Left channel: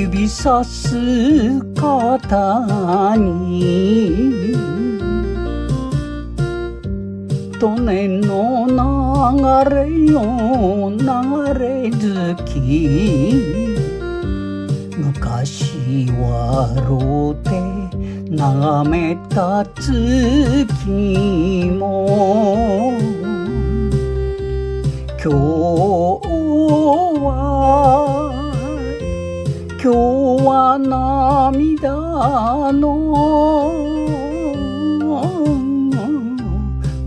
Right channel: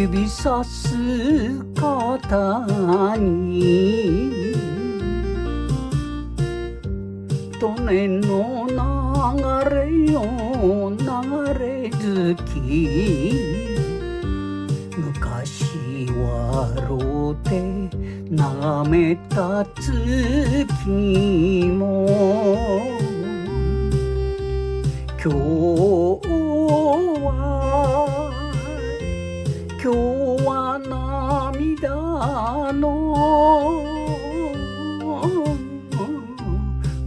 指さす方に利根の流れよ流れ月、昔はろうで眺めた月も今日は涙の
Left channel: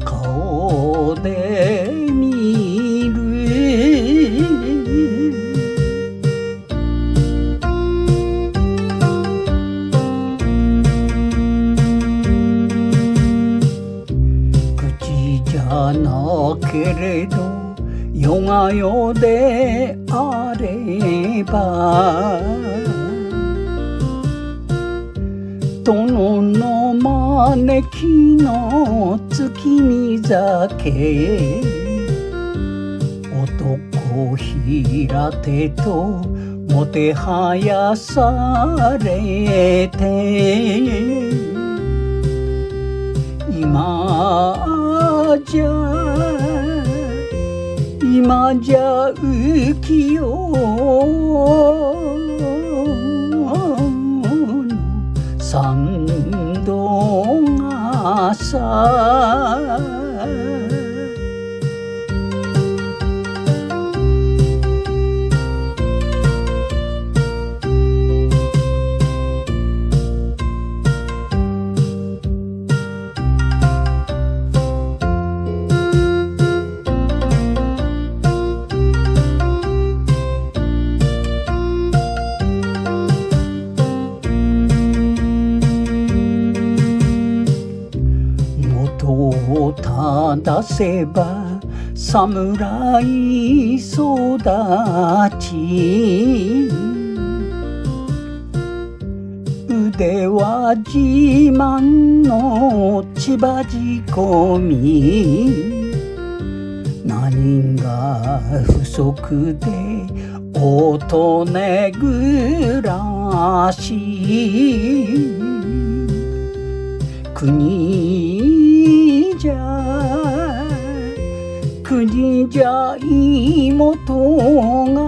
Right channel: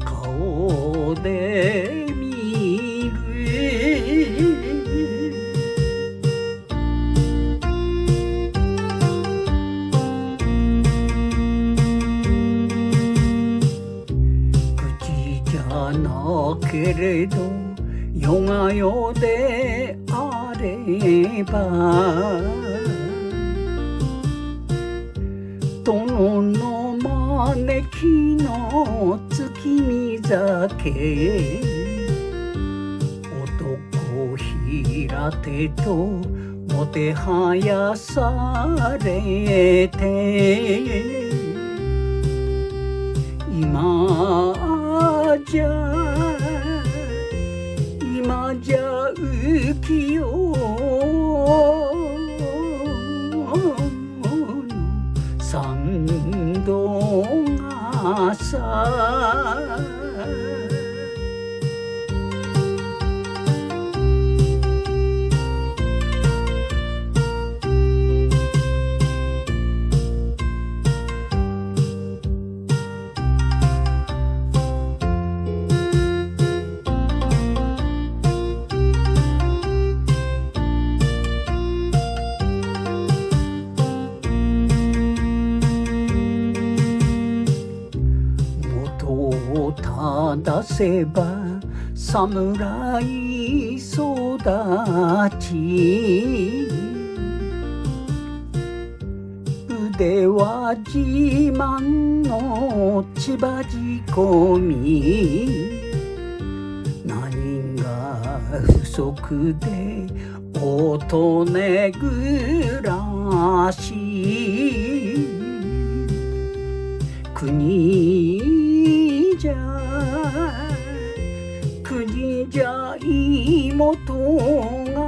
顔で見る。口じゃなけれど世が世であれば、殿の招きの月見酒、男平手ともてはやされて、今じゃ浮世三度がさ、正せば侍育ち、腕は自慢の千葉仕込み、何が不足で乙女暮らし、国じゃ妹が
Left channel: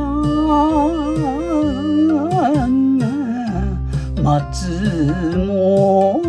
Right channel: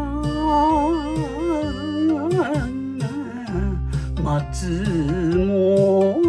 松本